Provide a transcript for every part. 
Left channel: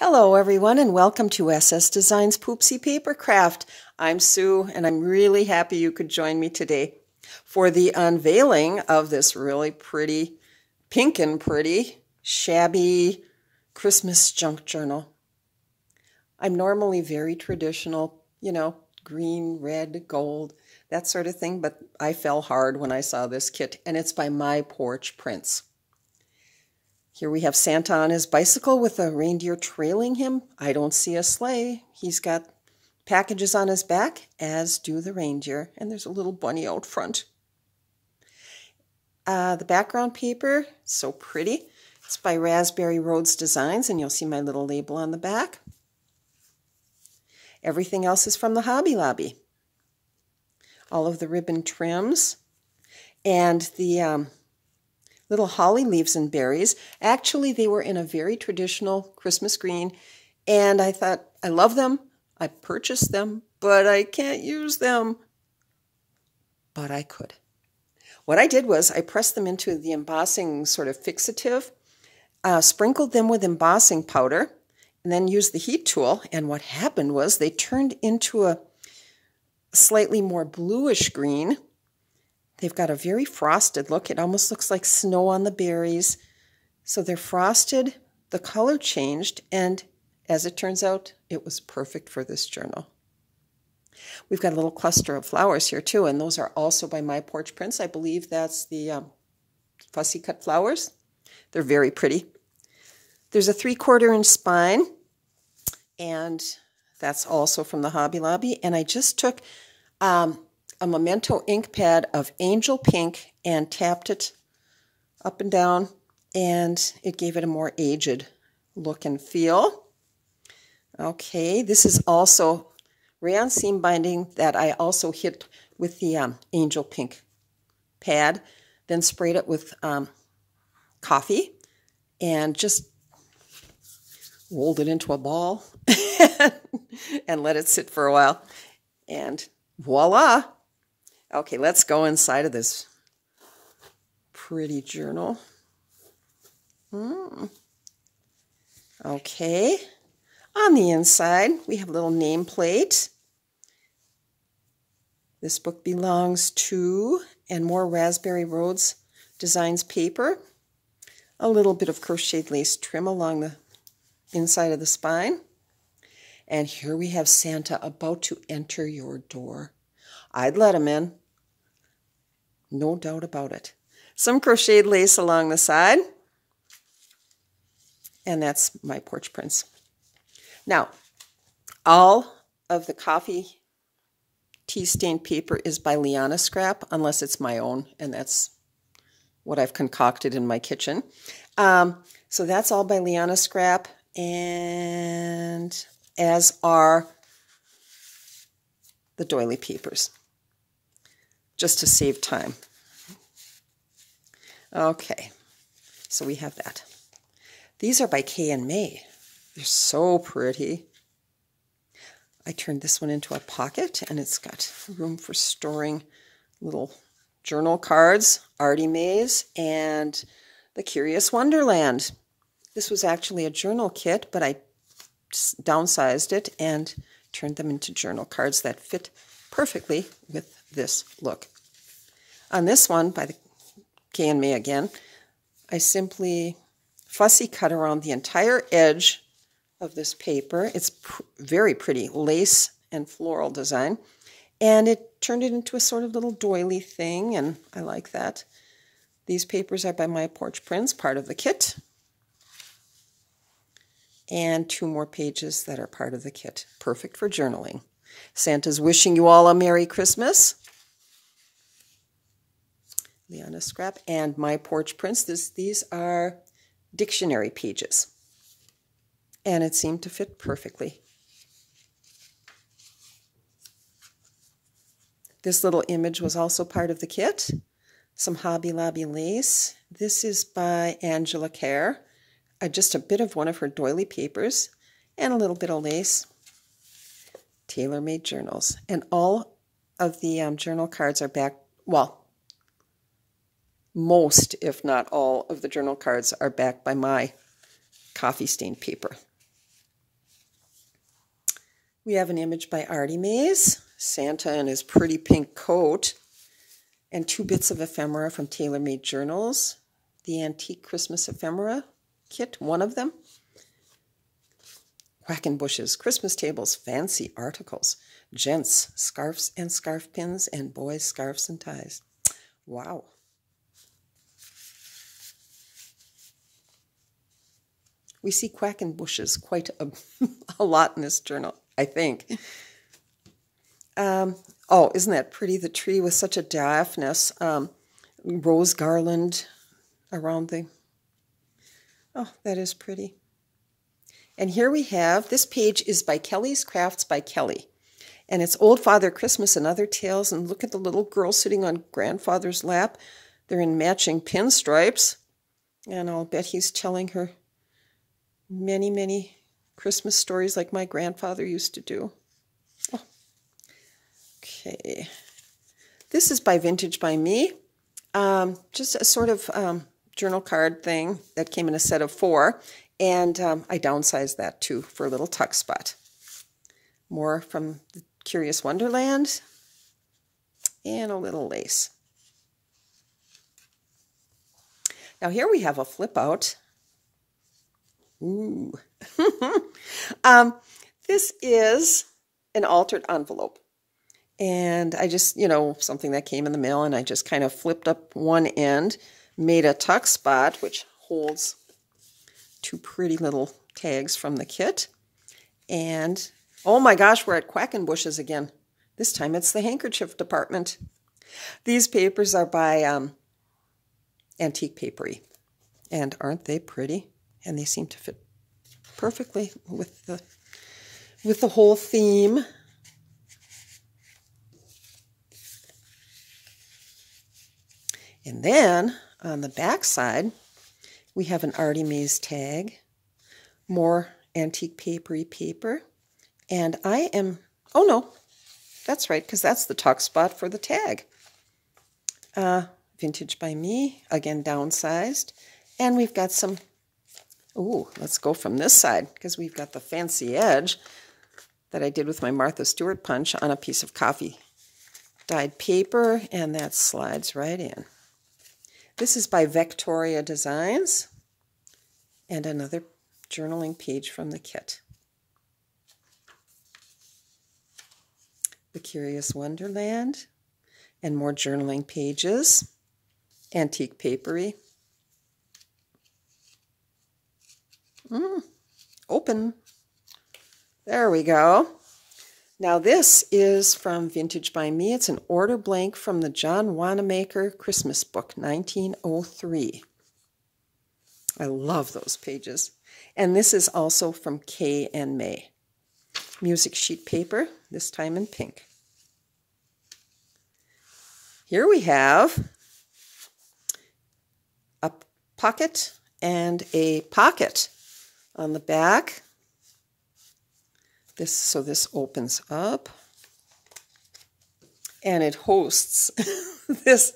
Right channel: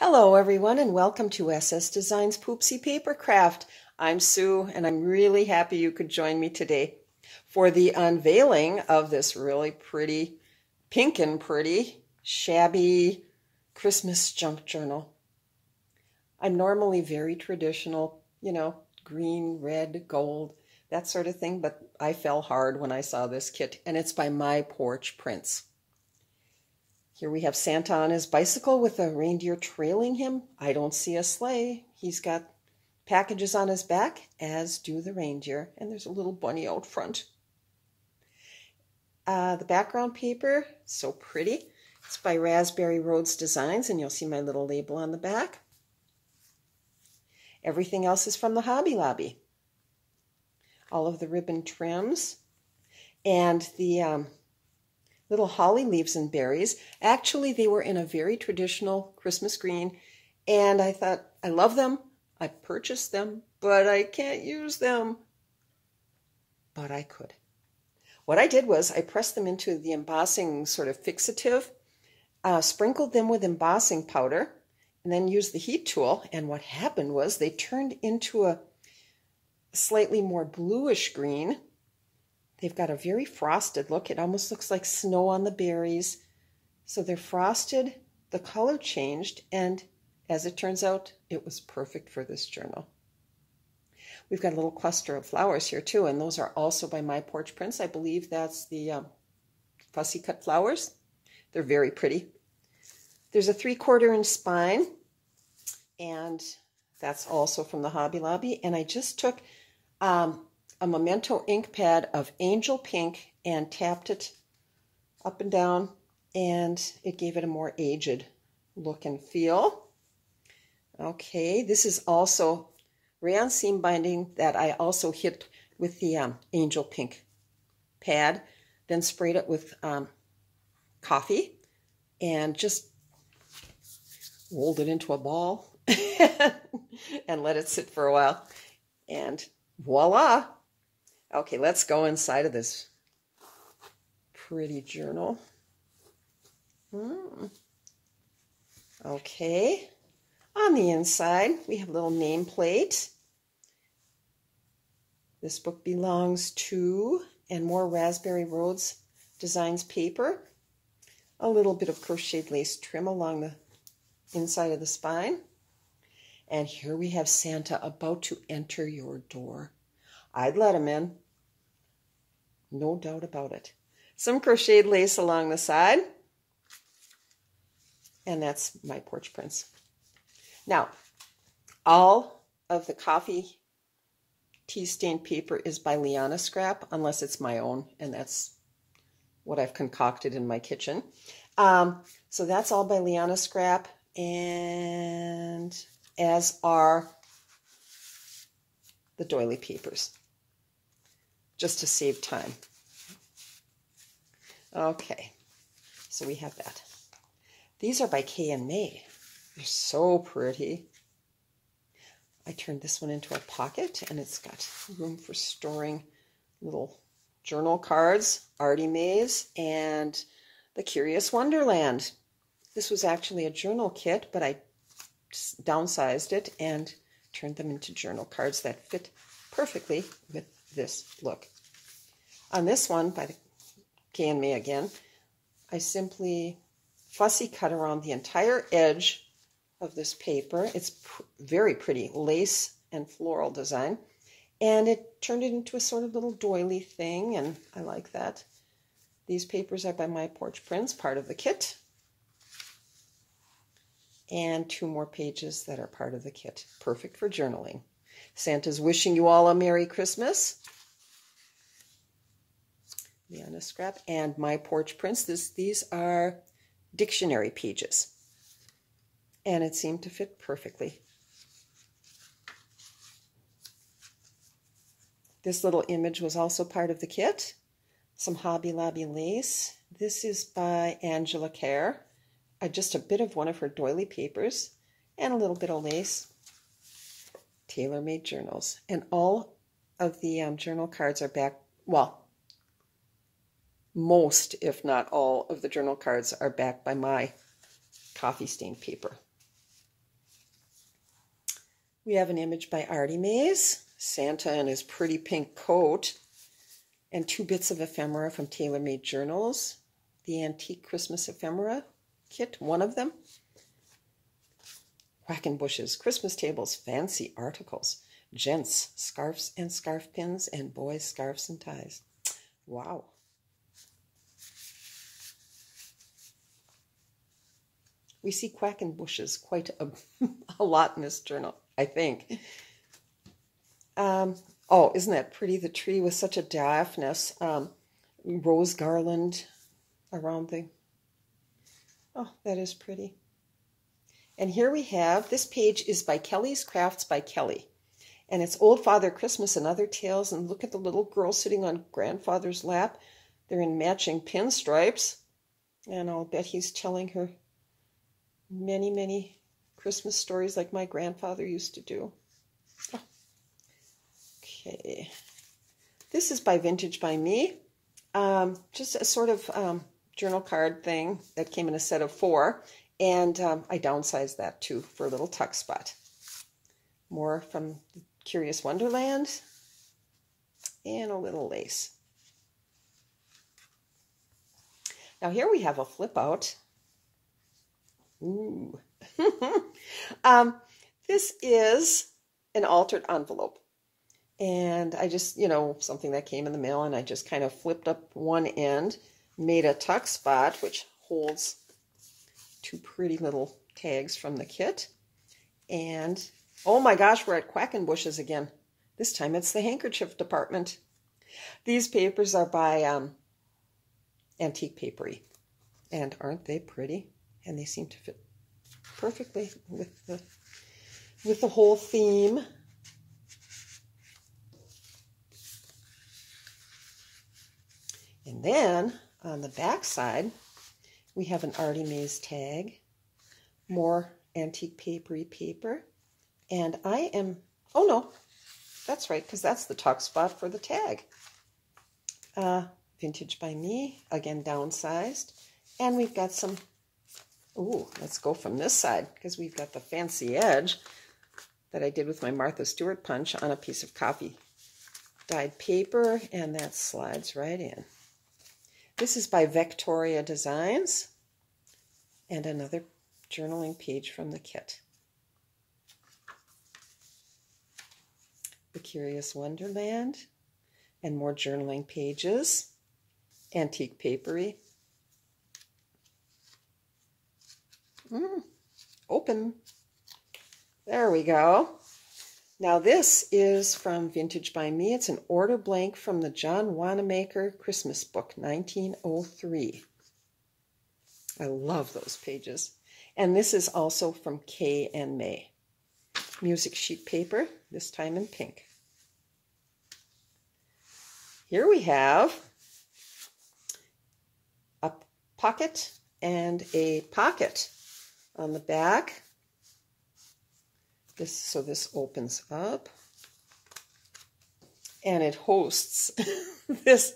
Hello everyone and welcome to SS Designs Poopsie Papercraft. I'm Sue and I'm really happy you could join me today for the unveiling of this really pretty, pink and pretty, shabby Christmas junk journal. I'm normally very traditional, green, red, gold, that sort of thing, but I fell hard when I saw this kit, and it's by My Porch Prints. Here we have Santa on his bicycle with a reindeer trailing him. I don't see a sleigh. He's got packages on his back, as do the reindeer, and there's a little bunny out front. The background paper, so pretty. It's by Raspberry Roads Designs, and you'll see my little label on the back. Everything else is from the Hobby Lobby. All of the ribbon trims and the little holly leaves and berries. Actually, they were in a very traditional Christmas green, and I thought, I love them. I purchased them, but I can't use them. But I could. What I did was I pressed them into the embossing sort of fixative, sprinkled them with embossing powder, and then used the heat tool. And what happened was they turned into a slightly more bluish green. They've got a very frosted look. It almost looks like snow on the berries. So they're frosted, the color changed, and as it turns out, it was perfect for this journal. We've got a little cluster of flowers here too, and those are also by My Porch Prints. I believe that's the fussy cut flowers. They're very pretty. There's a 3/4 inch spine, and that's also from the Hobby Lobby. And I just took a Memento ink pad of Angel Pink and tapped it up and down, and it gave it a more aged look and feel. Okay, this is also rayon seam binding that I also hit with the Angel Pink pad, then sprayed it with coffee and just rolled it into a ball and let it sit for a while, and voila! Okay, let's go inside of this pretty journal. Okay, on the inside, we have a little nameplate. This book belongs to, and more Raspberry Roads Designs paper. A little bit of crocheted lace trim along the inside of the spine. And here we have Santa about to enter your door. I'd let him in. No doubt about it. Some crocheted lace along the side. And that's My Porch Prints. Now, all of the coffee tea stained paper is by Liana Scrap, unless it's my own, and that's what I've concocted in my kitchen. So that's all by Liana Scrap, and as are the doily papers, just to save time. Okay, so we have that. These are by Kay and May. They're so pretty. I turned this one into a pocket, and it's got room for storing little journal cards, Artymaze, and the Curious Wonderland. This was actually a journal kit, but I downsized it and turned them into journal cards that fit perfectly with this look. On this one, by the Kay and May again, I simply fussy cut around the entire edge of this paper. It's very pretty lace and floral design, and it turned it into a sort of little doily thing, and I like that. These papers are by My Porch Prints, part of the kit, and 2 more pages that are part of the kit. Perfect for journaling. Santa's wishing you all a Merry Christmas. Liana Scrap and My Porch Prints. These are dictionary pages, and it seemed to fit perfectly. This little image was also part of the kit. Some Hobby Lobby lace. This is by Angela Kerr. Just a bit of one of her doily papers and a little bit of lace. Tailor-made journals. And all of the journal cards are back, well, most, if not all, of the journal cards are backed by my coffee stained paper. We have an image by Artymaze, Santa in his pretty pink coat, and 2 bits of ephemera from Tailor Made Journals, the Antique Christmas Ephemera Kit, one of them. Quackenbush's Christmas tables, fancy articles, gents, scarves and scarf pins, and boys, scarves and ties. Wow. We see Quackenbush's quite a lot in this journal, I think. Oh, isn't that pretty? The tree with such a daphnis rose garland around the... Oh, that is pretty. And here we have, this page is by Kelly's Crafts by Kelly. And it's Old Father Christmas and Other Tales. And look at the little girl sitting on grandfather's lap. They're in matching pinstripes. And I'll bet he's telling her many, many Christmas stories like my grandfather used to do. Oh. Okay. This is by Vintage by Me. Just a sort of journal card thing that came in a set of 4. And I downsized that too for a little tuck spot. More from the Curious Wonderland. And a little lace. Now here we have a flip out. Ooh. This is an altered envelope. And I just, you know, something that came in the mail, and I just kind of flipped up one end, made a tuck spot, which holds 2 pretty little tags from the kit. And, oh my gosh, we're at Quackenbush's again. This time it's the handkerchief department. These papers are by Antique Paperie. And aren't they pretty? And they seem to fit perfectly with the whole theme. And then on the back side, we have an Artymaze tag, more Antique Paperie paper, and I am, oh no, that's right, because that's the tuck spot for the tag. Vintage by Me, again downsized, and we've got some, ooh, let's go from this side, because we've got the fancy edge that I did with my Martha Stewart punch on a piece of coffee dyed paper, and that slides right in. This is by Vectoria Designs, and another journaling page from the kit. The Curious Wonderland, and more journaling pages. Antique Paperie. Open. There we go. Now this is from Vintage by Me. It's an order blank from the John Wanamaker Christmas book, 1903. I love those pages. And this is also from Kay and May. Music sheet paper, this time in pink. Here we have a pocket and a pocket on the back. So this opens up, and it hosts this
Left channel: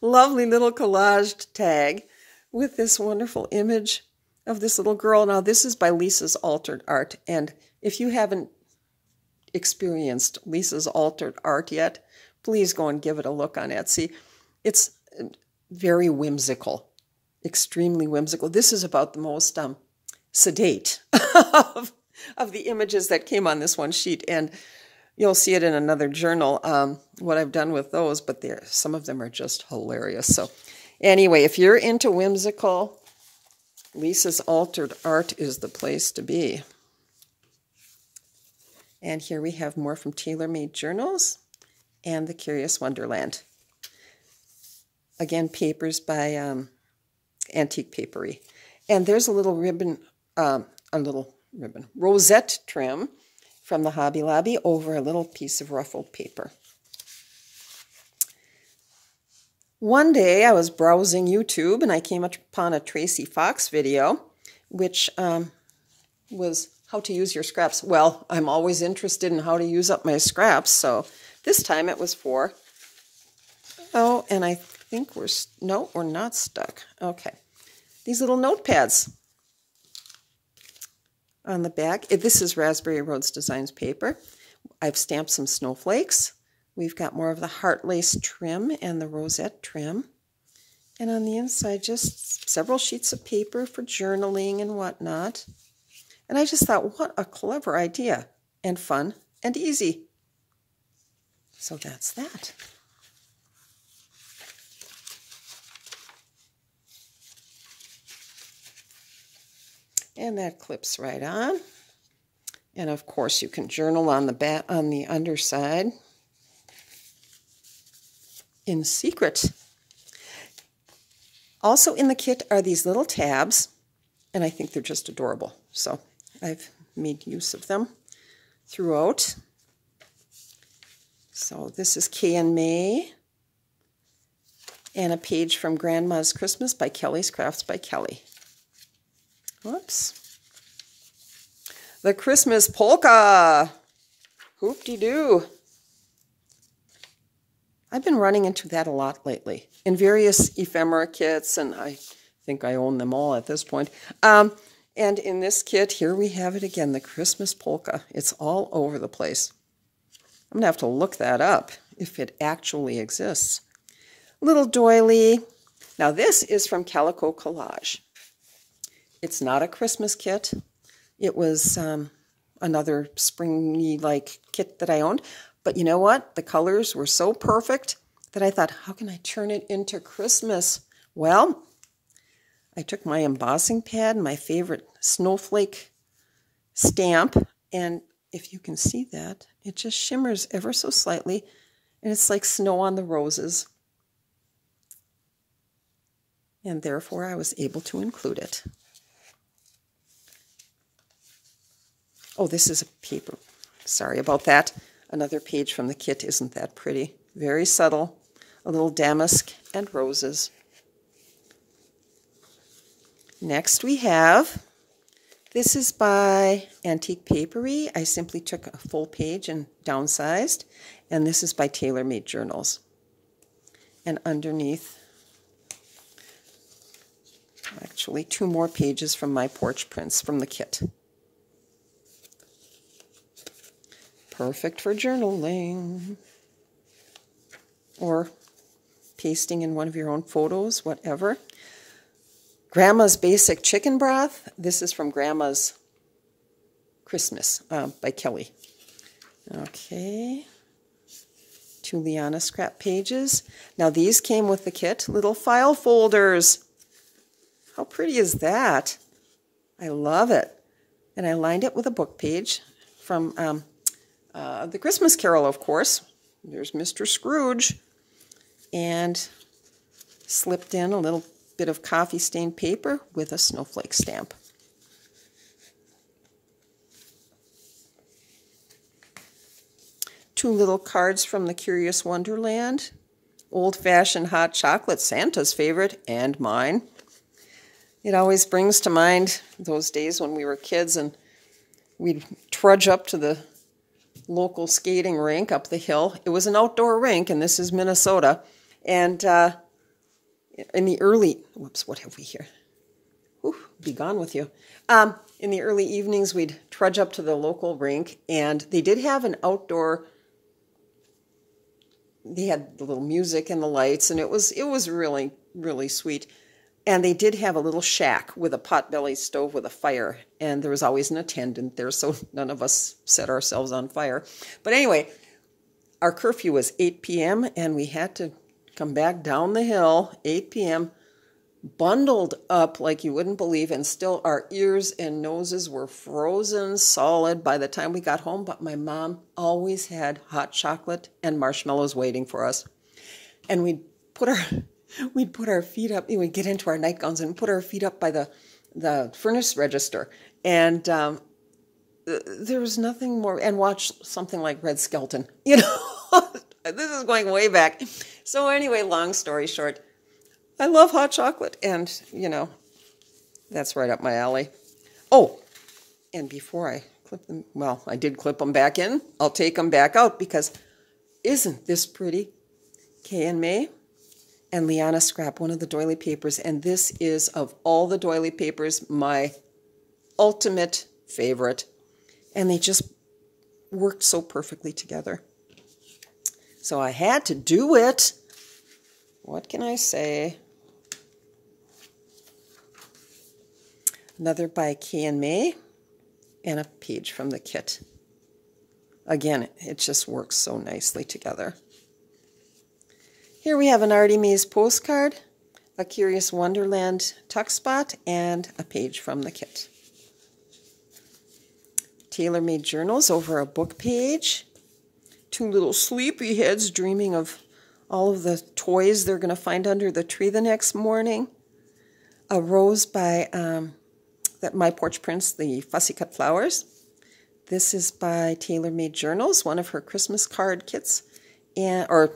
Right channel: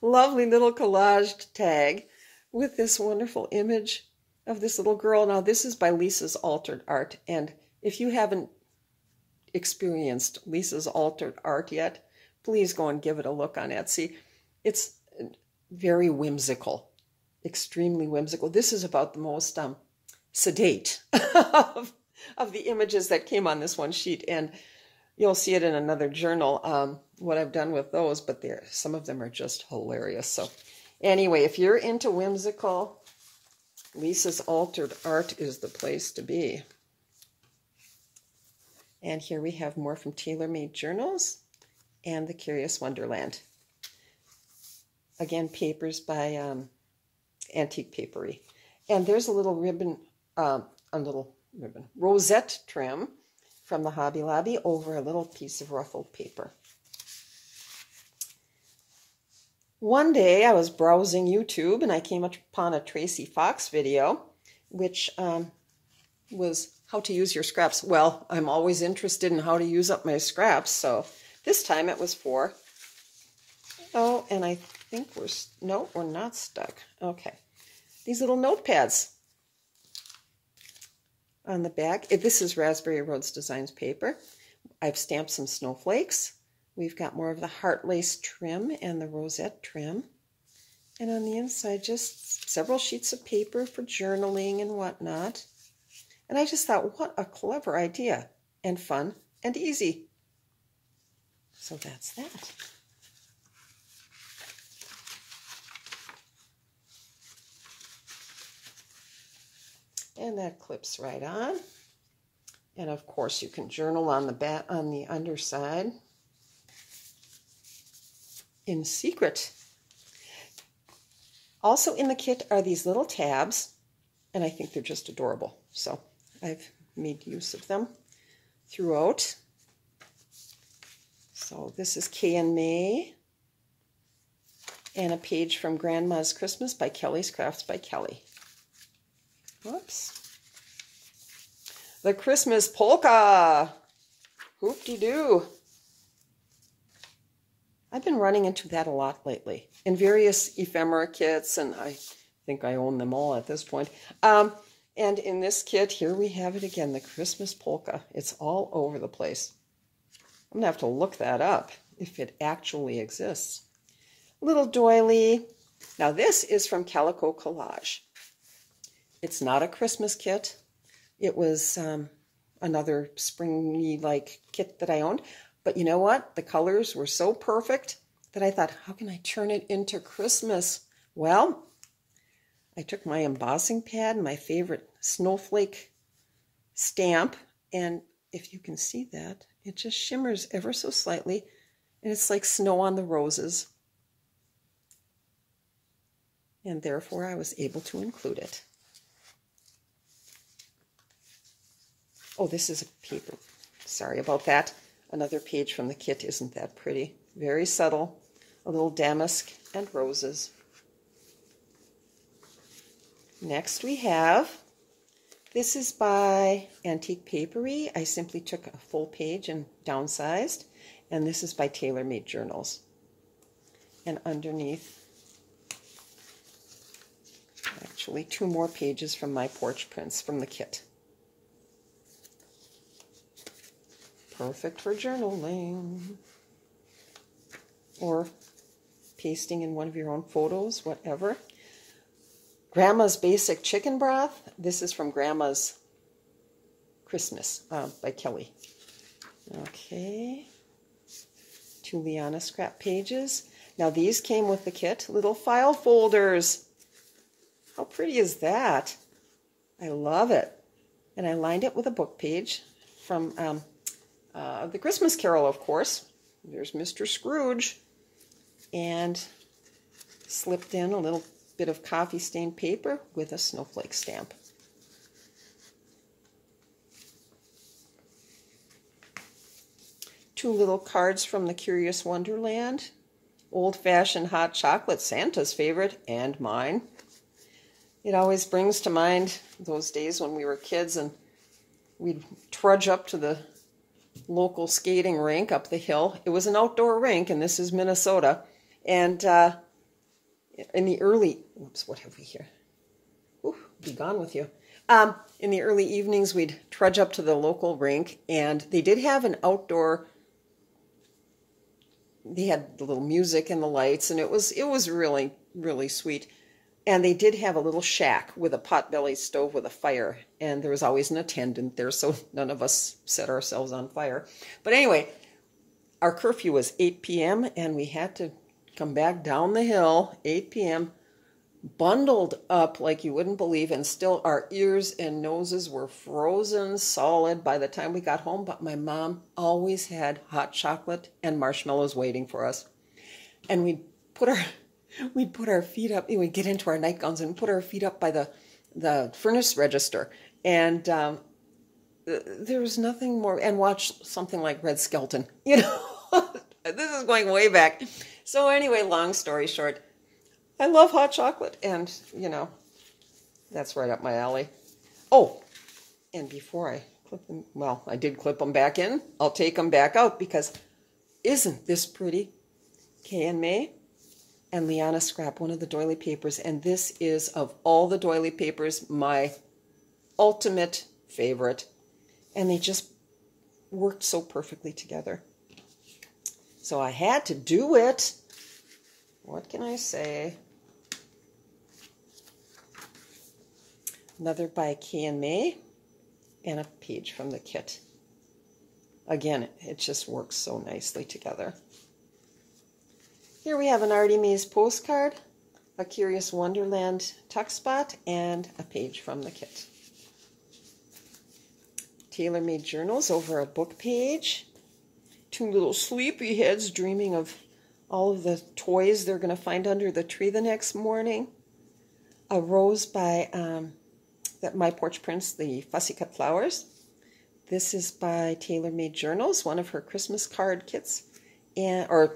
lovely little collaged tag with this wonderful image of this little girl. Now this is by Lisa's Altered Art, and if you haven't experienced Lisa's Altered Art yet, please go and give it a look on Etsy. It's very whimsical, extremely whimsical. This is about the most sedate of the images that came on this one sheet, and you'll see it in another journal, what I've done with those, but some of them are just hilarious. So anyway, if you're into whimsical, Lisa's Altered Art is the place to be. And here we have more from Tailor Made Journals and the Curious Wonderland. Again, papers by Antique Paperie. And there's a little ribbon, rosette trim from the Hobby Lobby over a little piece of ruffled paper. One day I was browsing YouTube and I came upon a Tracy Fox video, which was how to use your scraps. Well, I'm always interested in how to use up my scraps, so this time it was for, oh, and I think no, we're not stuck. Okay. These little notepads. on the back. This is Raspberry Roads Designs paper. I've stamped some snowflakes. We've got more of the heart lace trim and the rosette trim. And on the inside, just several sheets of paper for journaling and whatnot. And I just thought, what a clever idea, and fun and easy. So that's that. And that clips right on. And of course, you can journal on the underside in secret. Also in the kit are these little tabs, and I think they're just adorable. So I've made use of them throughout. So this is Kay and May, and a page from Grandma's Christmas by Kelly's Crafts by Kelly. Whoops. The Christmas polka. Hoop-de-doo. I've been running into that a lot lately in various ephemera kits, and I think I own them all at this point. And in this kit, here we have it again, the Christmas polka. It's all over the place. I'm going to have to look that up if it actually exists. Little doily. Now this is from Calico Collage. It's not a Christmas kit. It was another springy-like kit that I owned. But you know what? The colors were so perfect that I thought, how can I turn it into Christmas? Well, I took my embossing pad, my favorite snowflake stamp, and if you can see that, it just shimmers ever so slightly, and it's like snow on the roses. And therefore, I was able to include it. Oh, this is a paper. Sorry about that. Another page from the kit. Isn't that pretty? Very subtle. A little damask and roses. Next we have, this is by Antique Paperie. I simply took a full page and downsized. And this is by Tailor Made Journals. And underneath, actually 2 more pages from My Porch Prints from the kit. Perfect for journaling or pasting in one of your own photos, whatever. Grandma's Basic Chicken Broth. This is from Grandma's Christmas by Kelly. Okay. 2 Liana Scrap pages. Now these came with the kit. Little file folders. How pretty is that? I love it. And I lined it with a book page from The Christmas Carol, of course. There's Mr. Scrooge. And slipped in a little bit of coffee stained paper with a snowflake stamp. Two little cards from the Curious Wonderland. Old-fashioned hot chocolate, Santa's favorite, and mine. It always brings to mind those days when we were kids and we'd trudge up to the local skating rink up the hill. It was an outdoor rink, and this is Minnesota. And in the early, whoops, what have we here? Whew, be gone with you. In the early evenings, we'd trudge up to the local rink, and they did have an outdoor, they had the little music and the lights, and it was really, really sweet. And they did have a little shack with a potbelly stove with a fire, and there was always an attendant there, so none of us set ourselves on fire. But anyway, our curfew was 8 p.m., and we had to come back down the hill, 8 p.m., bundled up like you wouldn't believe, and still our ears and noses were frozen solid by the time we got home, but my mom always had hot chocolate and marshmallows waiting for us. And we'd put our feet up, we'd get into our nightgowns and put our feet up by the furnace register, and there was nothing more, and watch something like Red Skelton, you know. This is going way back. So anyway, long story short, I love hot chocolate, and, you know, that's right up my alley. Oh, and before I clip them, well, I did clip them back in. I'll take them back out because isn't this pretty? Kay and May and Liana Scrap, one of the doily papers, and this is, of all the doily papers, my ultimate favorite. And they just worked so perfectly together. So I had to do it. What can I say? Another by Kay and May, and a page from the kit. Again, it just works so nicely together. Here we have an Artymaze postcard, a Curious Wonderland tuck spot, and a page from the kit. Tailor-made journals over a book page. Two little sleepyheads dreaming of all of the toys they're going to find under the tree the next morning. A rose by My Porch Prints, the Fussy Cut Flowers. This is by Tailor-Made Journals, one of her Christmas card kits or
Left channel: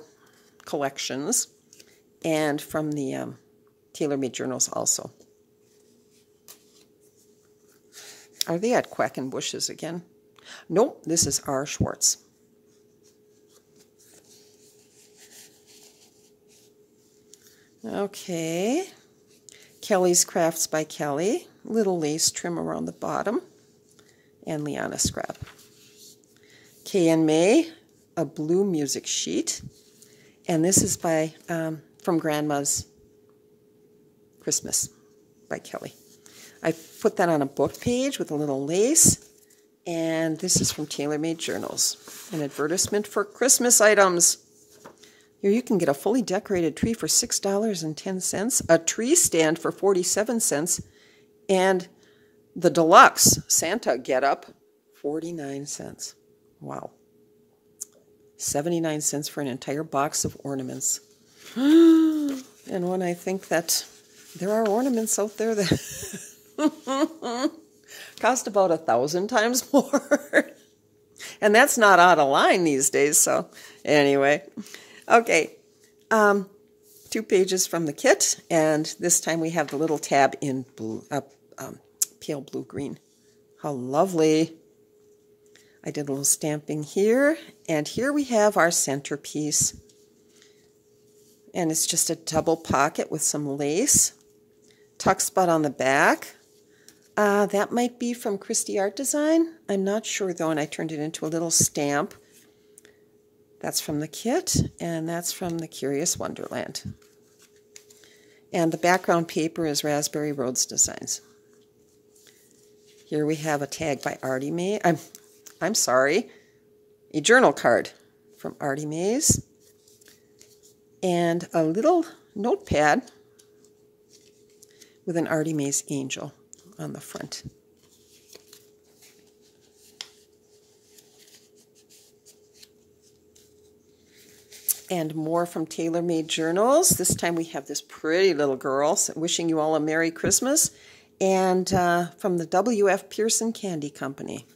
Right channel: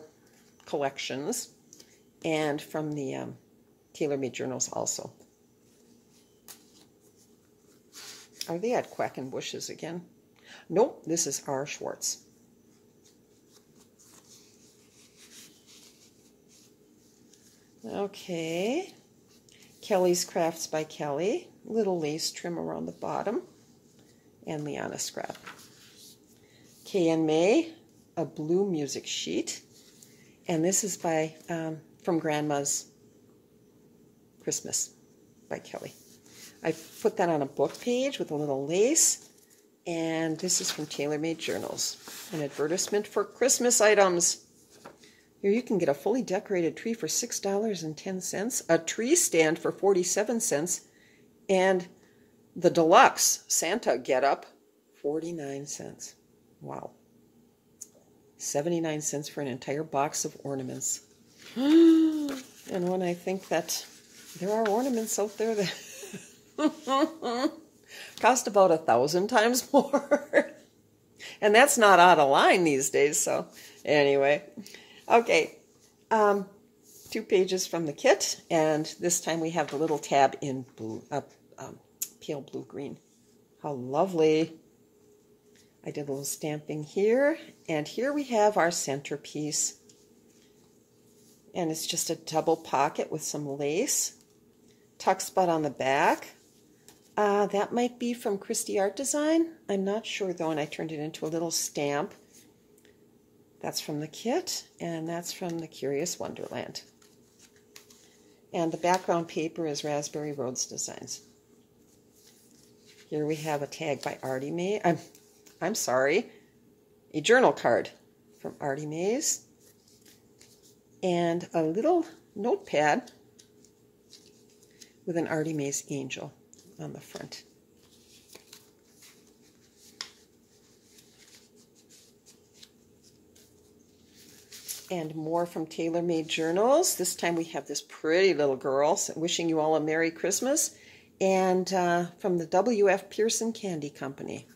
collections, and from the Tailor-Made Journals also. Are they at Quackenbush's again? Nope, this is R. Schwartz. Okay, Kelly's Crafts by Kelly, little lace trim around the bottom, and Liana Scrap. Kay and May, a blue music sheet, and this is by from Grandma's Christmas by Kelly. I put that on a book page with a little lace, and this is from Tailor-Made Journals, an advertisement for Christmas items. Here you can get a fully decorated tree for $6.10, a tree stand for 47 cents, and the deluxe Santa get-up, 49 cents. Wow. 79 cents for an entire box of ornaments. And when I think that there are ornaments out there that cost about 1,000 times more. And that's not out of line these days, so anyway. Okay, 2 pages from the kit, and this time we have the little tab in blue, pale blue-green. How lovely. I did a little stamping here, and here we have our centerpiece. And it's just a double pocket with some lace. Tuck spot on the back. That might be from Christie Art Design. I'm not sure, though, and I turned it into a little stamp. That's from the kit, and that's from the Curious Wonderland. And the background paper is Raspberry Roads Designs. Here we have a tag by Artymaze. I'm sorry, a journal card from Artymaze, and a little notepad with an Artymaze angel on the front. And more from Tailor-Made Journals. This time we have this pretty little girl wishing you all a Merry Christmas. And from the W.F. Pearson Candy Company,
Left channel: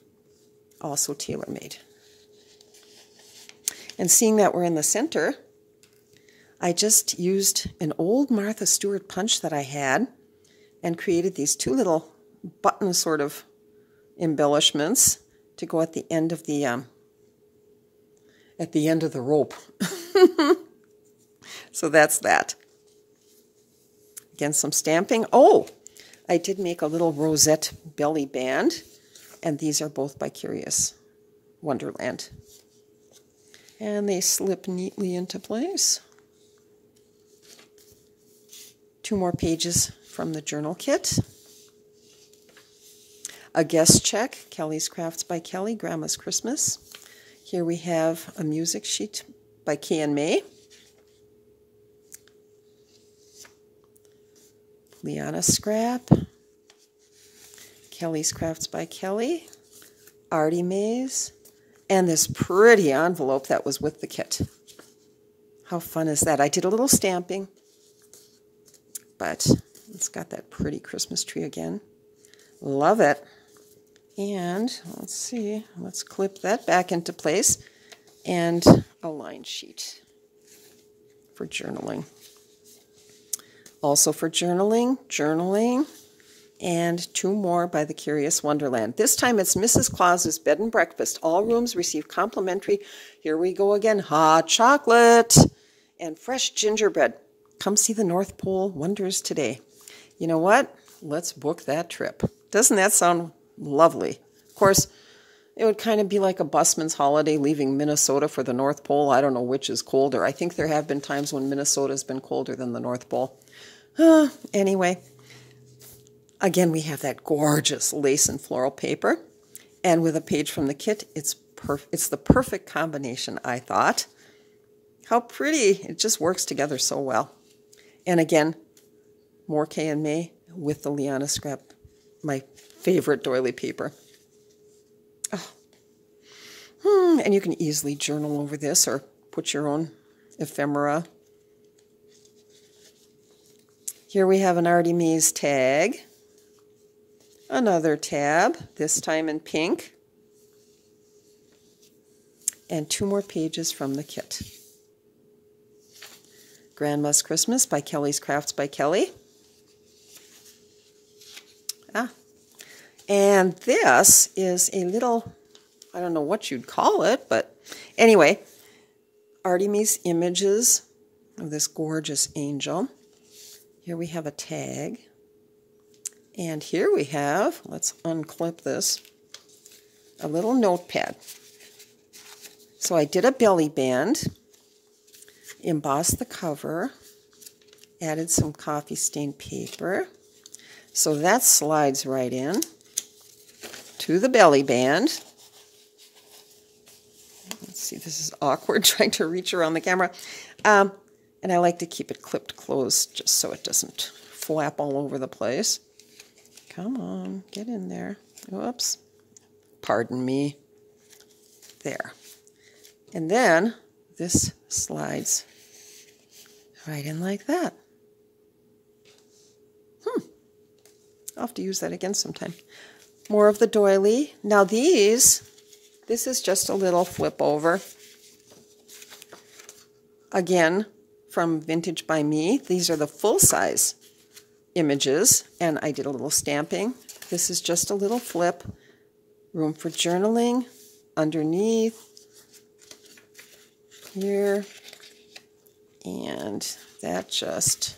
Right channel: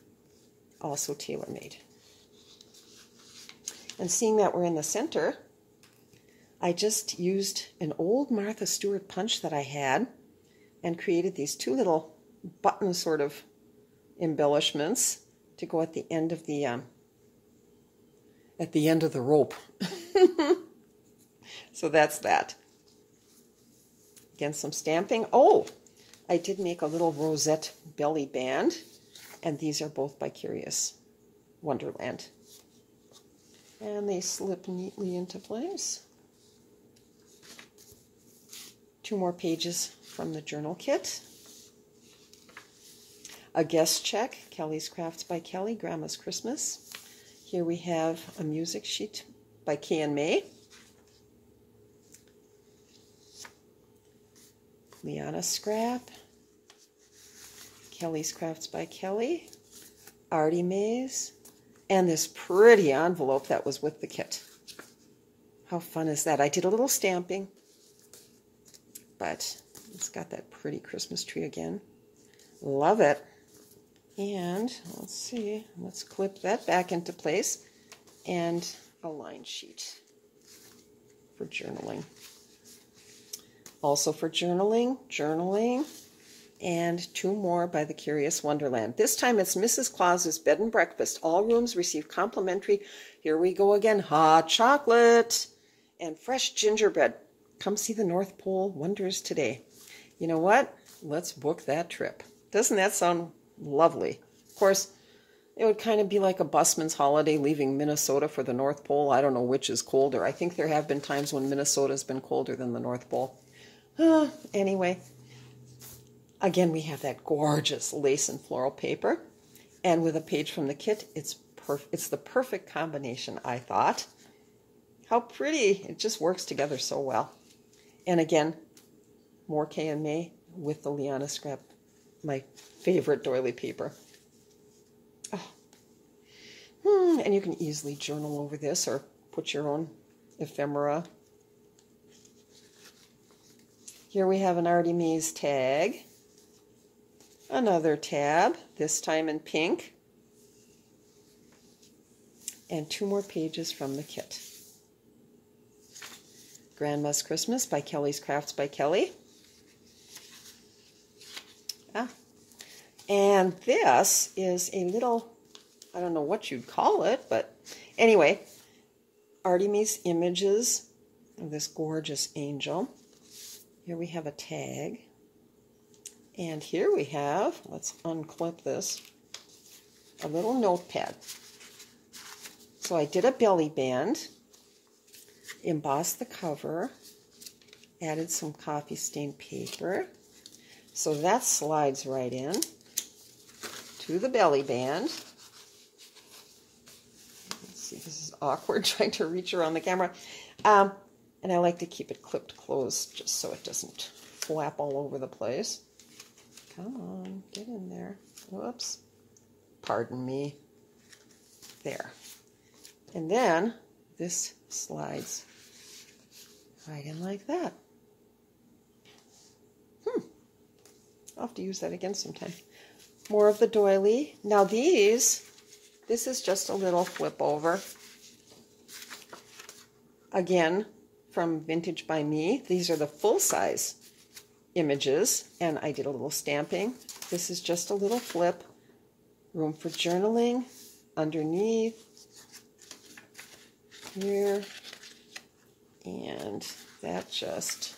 also tailor-made. And seeing that we're in the center, I just used an old Martha Stewart punch that I had and created these 2 little button sort of embellishments to go at the end of the rope. So that's that. Again, some stamping. Oh, I did make a little rosette belly band, and these are both by Curious Wonderland. And they slip neatly into place. 2 more pages from the journal kit. A guest check, Kelly's Crafts by Kelly, Grandma's Christmas. Here we have a music sheet by Kay and May. Liana Scrap. Kelly's Crafts by Kelly. Artymaze. And this pretty envelope that was with the kit. How fun is that? I did a little stamping, but it's got that pretty Christmas tree again. Love it. And let's see, let's clip that back into place, and a line sheet for journaling. Also for journaling, and 2 more by the Curious Wonderland. This time it's Mrs. Claus's Bed and Breakfast. All rooms receive complimentary, here we go again, hot chocolate and fresh gingerbread. Come see the North Pole wonders today. You know what? Let's book that trip. Doesn't that sound lovely? Of course, it would kind of be like a busman's holiday leaving Minnesota for the North Pole. I don't know which is colder. I think there have been times when Minnesota's been colder than the North Pole. Anyway, again, we have that gorgeous lace and floral paper. And with a page from the kit, it's the perfect combination, I thought. How pretty. It just works together so well. And again, more K and May with the Liana Scrap, my favorite doily paper. Oh. And you can easily journal over this or put your own ephemera. Here we have an Artymaze tag. Another tab, this time in pink. And 2 more pages from the kit. Grandma's Christmas by Kelly's Crafts by Kelly. And this is a little, I don't know what you'd call it, but anyway, Artymaze images of this gorgeous angel. Here we have a tag. And here we have, let's unclip this, a little notepad. So I did a belly band, embossed the cover, added some coffee stained paper. So that slides right in to the belly band. Let's see, this is awkward trying to reach around the camera. And I like to keep it clipped closed just so it doesn't flap all over the place. Come on, get in there. Whoops. Pardon me. There. And then this slides right in like that. I'll have to use that again sometime. More of the doily. Now this is just a little flip over. Again, from Vintage by Me. These are the full-size images, and I did a little stamping. This is just a little flip. Room for journaling underneath here. And that just,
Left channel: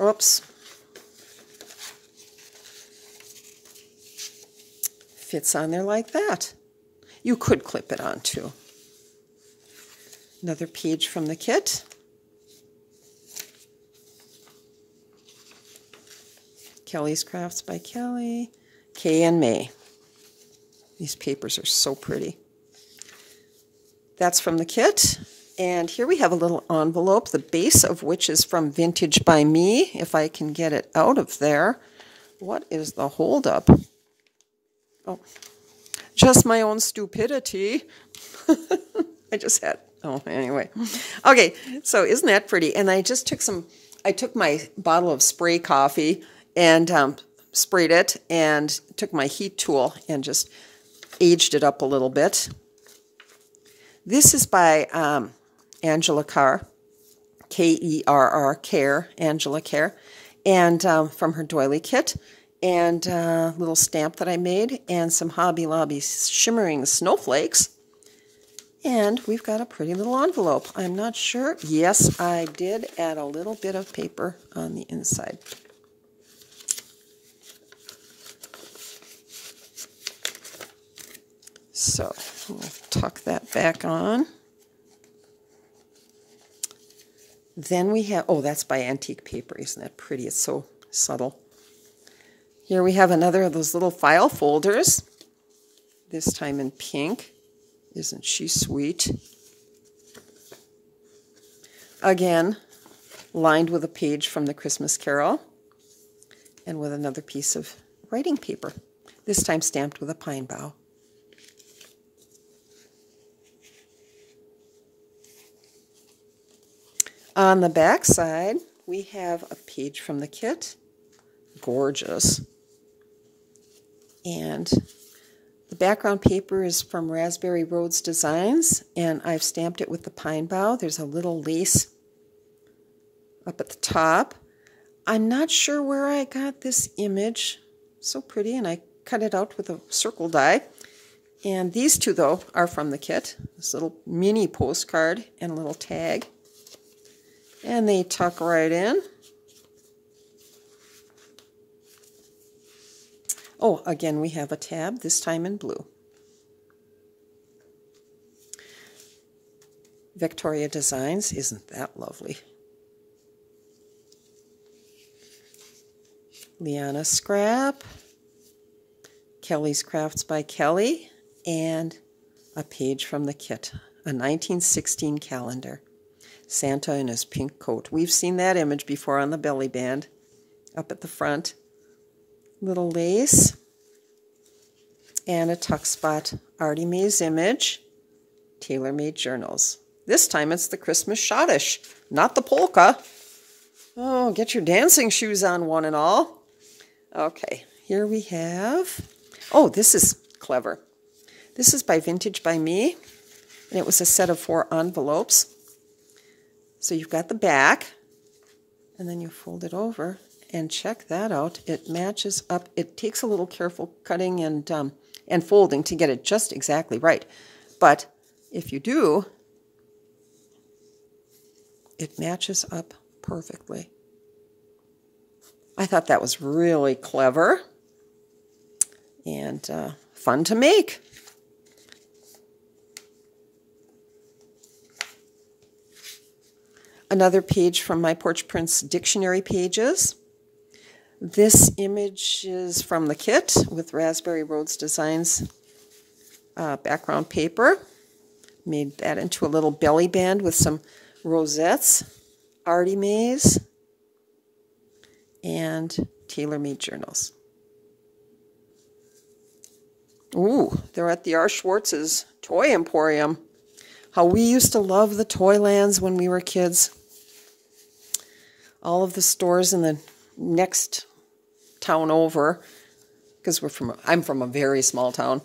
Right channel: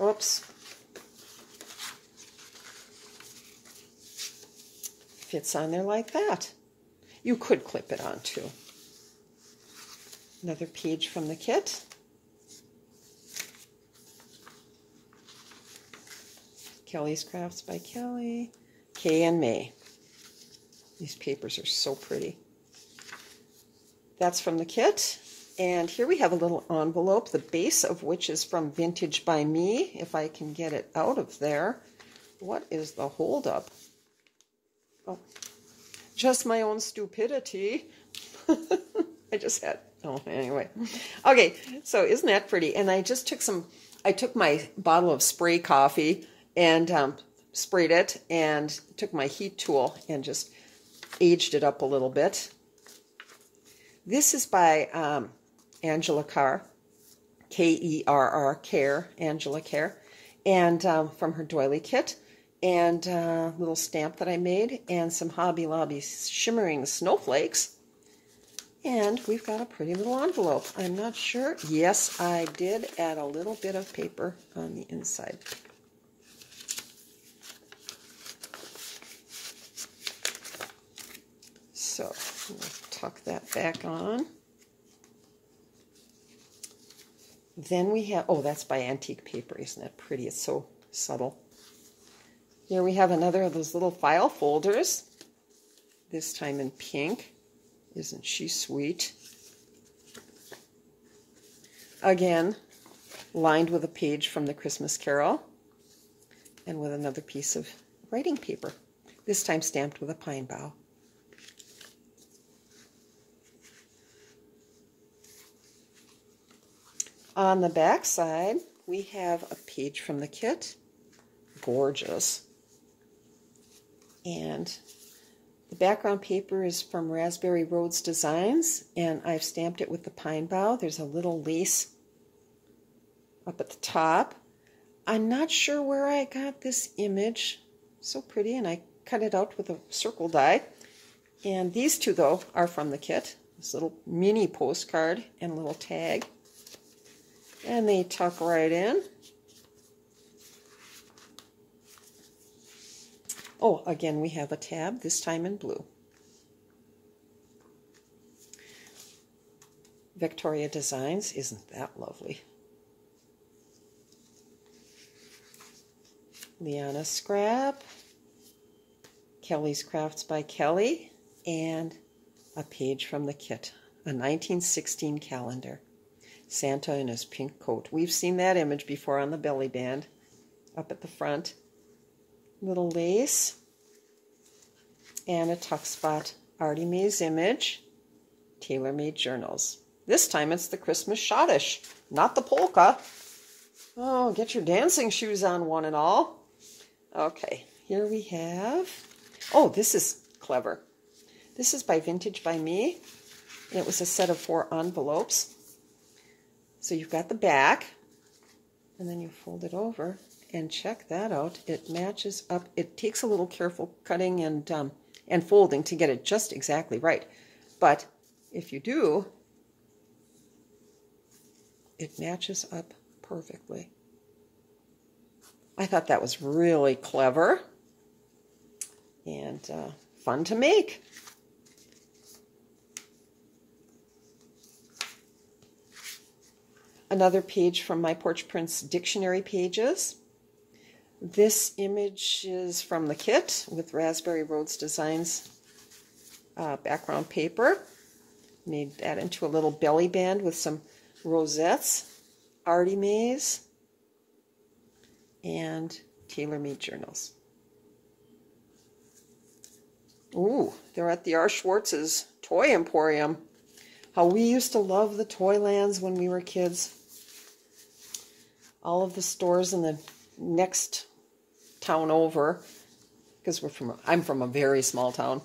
oops, fits on there like that. You could clip it on too. Another page from the kit. Kelly's Crafts by Kelly. Kay and May. These papers are so pretty. That's from the kit. And here we have a little envelope, the base of which is from Vintage by Me, if I can get it out of there. What is the holdup? Oh, just my own stupidity. I just had, oh, anyway. Okay, so isn't that pretty? And I just took my bottle of spray coffee and sprayed it and took my heat tool and just aged it up a little bit. This is by Angela Carr, K-E-R-R, Care, Angela Care, and from her doily kit, and a little stamp that I made, and some Hobby Lobby shimmering snowflakes. And we've got a pretty little envelope. I'm not sure. Yes, I did add a little bit of paper on the inside. So we'll tuck that back on. Then we have, oh, that's by Antique Paper. Isn't that pretty? It's so subtle. Here we have another of those little file folders, this time in pink. Isn't she sweet? Again, lined with a page from the Christmas Carol and with another piece of writing paper, this time stamped with a pine bough. On the back side, we have a page from the kit. Gorgeous. And the background paper is from Raspberry Roads Designs, and I've stamped it with the pine bough. There's a little lace up at the top. I'm not sure where I got this image. So pretty, and I cut it out with a circle die. And these two, though, are from the kit. This little mini postcard and a little tag. And they tuck right in. Oh, again, we have a tab, this time in blue. Vectoria Designs, isn't that lovely? Liana Scrap, Kelly's Crafts by Kelly, and a page from the kit, a 1916 calendar. Santa in his pink coat. We've seen that image before on the belly band, up at the front. Little lace, and a tuck spot Artymaze image, tailor-made journals. This time it's the Christmas schottisch, not the polka. Oh, get your dancing shoes on, one and all. Okay, here we have, oh, this is clever. This is by Vintage by Me, and it was a set of 4 envelopes. So you've got the back, and then you fold it over, and check that out. It matches up. It takes a little careful cutting and folding to get it just exactly right. But if you do, it matches up perfectly. I thought that was really clever and fun to make. Another page from My Porch Prints dictionary pages. This image is from the kit with Raspberry Roads Designs background paper. Made that into a little belly band with some rosettes, Artymaze, and tailor-made journals. Ooh, they're at the R. Schwartz's Toy Emporium. How we used to love the Toylands when we were kids. All of the stores in the next town over, because I'm from a very small town,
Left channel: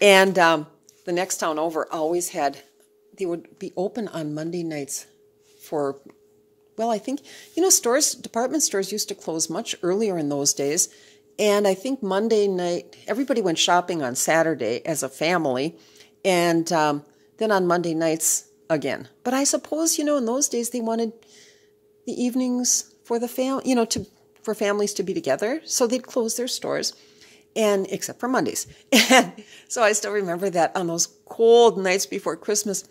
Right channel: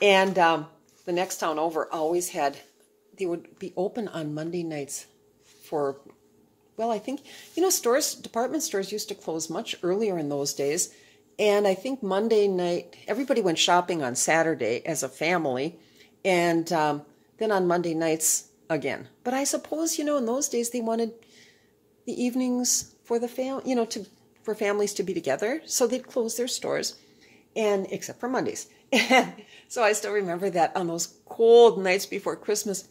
and the next town over always had, they would be open on Monday nights for, well, I think, department stores used to close much earlier in those days, and I think Monday night, everybody went shopping on Saturday as a family, and then on Monday nights again. But I suppose, in those days they wanted the evenings for the for families to be together, so they'd close their stores, and except for Mondays. And so I still remember that on those cold nights before Christmas,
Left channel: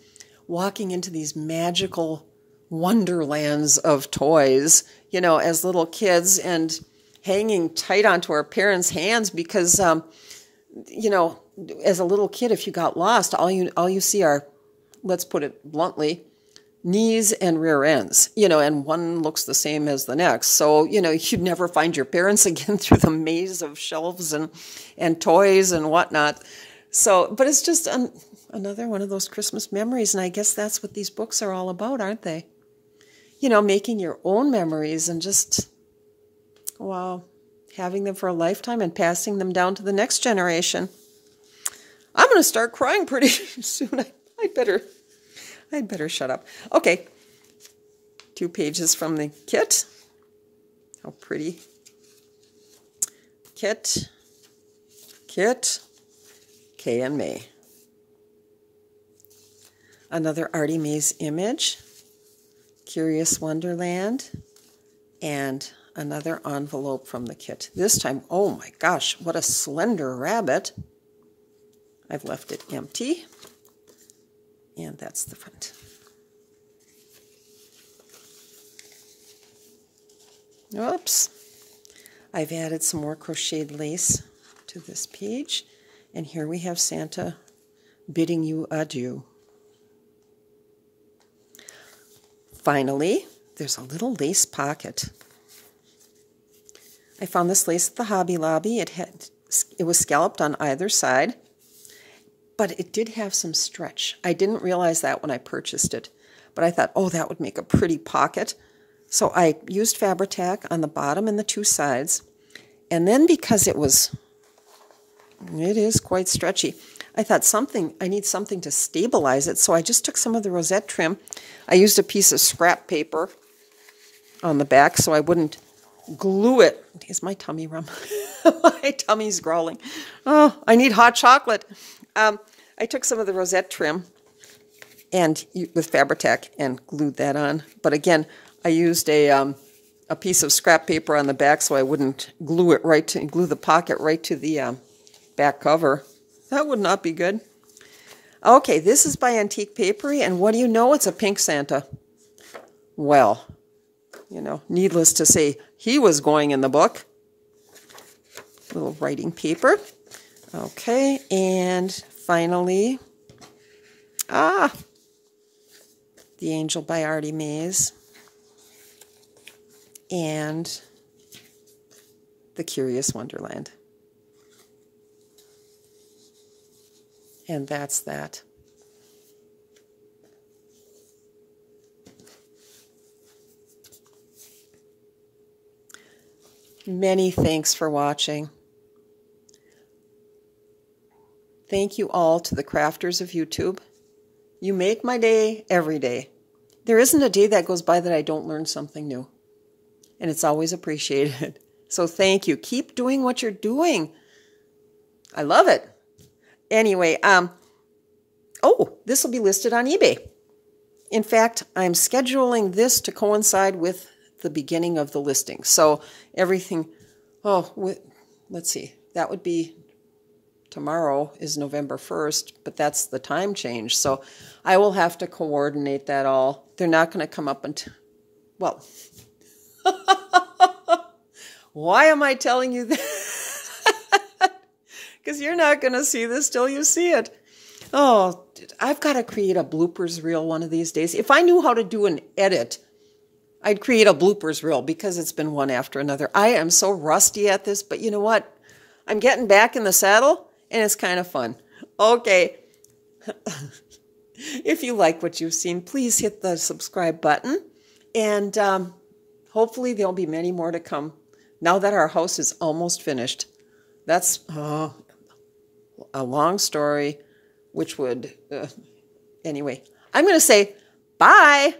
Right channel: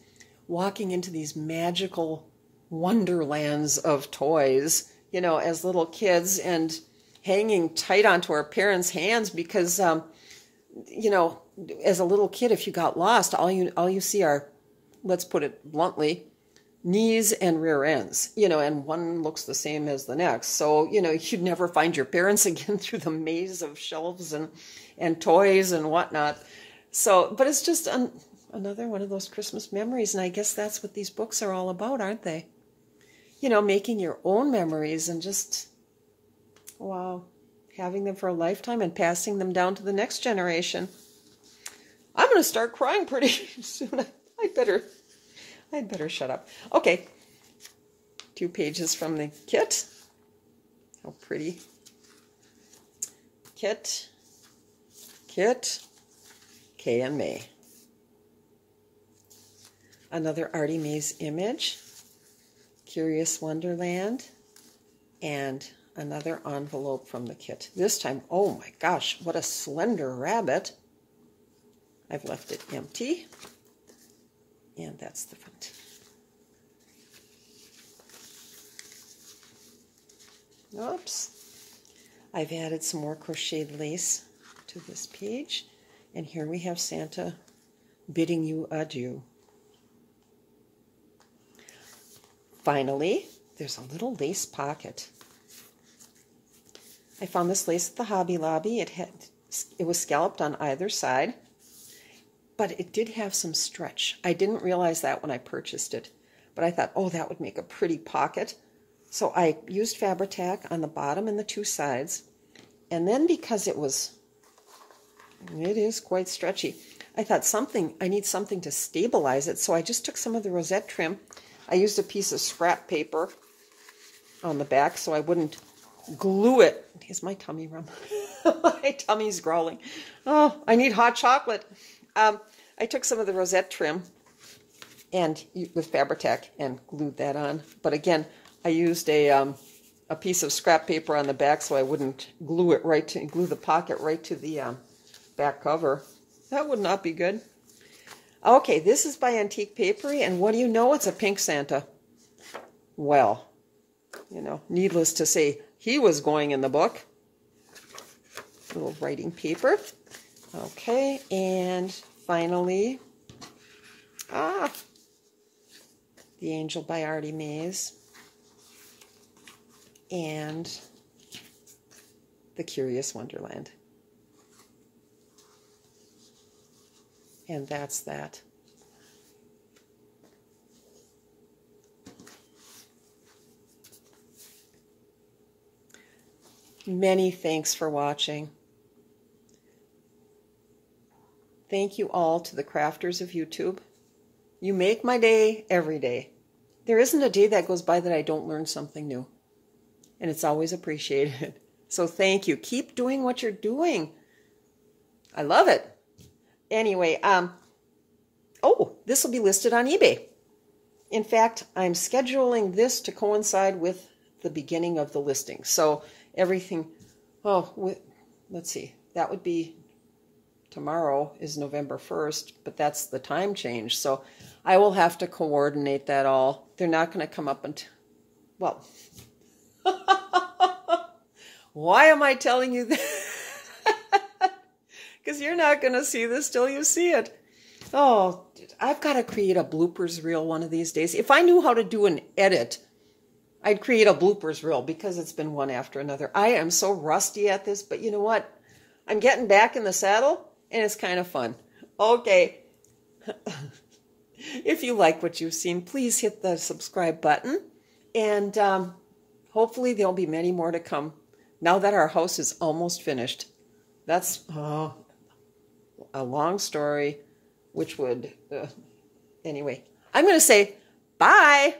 walking into these magical wonderlands of toys, as little kids, and hanging tight onto our parents' hands because, as a little kid, if you got lost, all you see are, let's put it bluntly, knees and rear ends, and one looks the same as the next. So, you'd never find your parents again through the maze of shelves and toys and whatnot. So, but it's just another one of those Christmas memories, and I guess that's what these books are all about, aren't they? Making your own memories and just, wow, having them for a lifetime and passing them down to the next generation. I'm going to start crying pretty soon. I'd better shut up. Okay, 2 pages from the kit. How pretty. Kit, Kay and May. Another Artymaze image, Curious Wonderland, and another envelope from the kit. This time, oh my gosh, what a slender rabbit. I've left it empty. And that's the front. Oops. I've added some more crocheted lace to this page. And here we have Santa bidding you adieu. Finally, there's a little lace pocket. I found this lace at the Hobby Lobby. It was scalloped on either side, but it did have some stretch. I didn't realize that when I purchased it, but I thought, oh, that would make a pretty pocket. So I used Fabri-Tac on the bottom and the 2 sides, and then because it is quite stretchy, I thought I need something to stabilize it, so I just took some of the rosette trim. I used a piece of scrap paper on the back so I wouldn't glue it. Is my tummy rum? My tummy's growling. Oh, I need hot chocolate. I took some of the rosette trim and with Fabri-Tac and glued that on. But again, I used a a piece of scrap paper on the back so I wouldn't glue the pocket right to the back cover. That would not be good. Okay, this is by Antique Paperie, and what do you know? It's a pink Santa. Well, you know, needless to say, he was going in the book. Little writing paper. Okay, and finally, The Angel by Artymaze, and The Curious Wonderland. And that's that. Many thanks for watching. Thank you all to the crafters of YouTube. You make my day every day. There isn't a day that goes by that I don't learn something new. And it's always appreciated. So thank you. Keep doing what you're doing. I love it. Anyway, this will be listed on eBay. In fact, I'm scheduling this to coincide with the beginning of the listing. So everything, let's see, that would be, tomorrow is November 1st, but that's the time change. So I will have to coordinate that all. They're not going to come up until, well, why am I telling you that? Because you're not going to see this till you see it. Oh, I've got to create a bloopers reel one of these days. If I knew how to do an edit, I'd create a bloopers reel because it's been one after another. I am so rusty at this, but you know what? I'm getting back in the saddle, and it's kind of fun. Okay. If you like what you've seen, please hit the subscribe button. And hopefully there'll be many more to come now that our house is almost finished. That's a long story, which would... anyway, I'm going to say bye.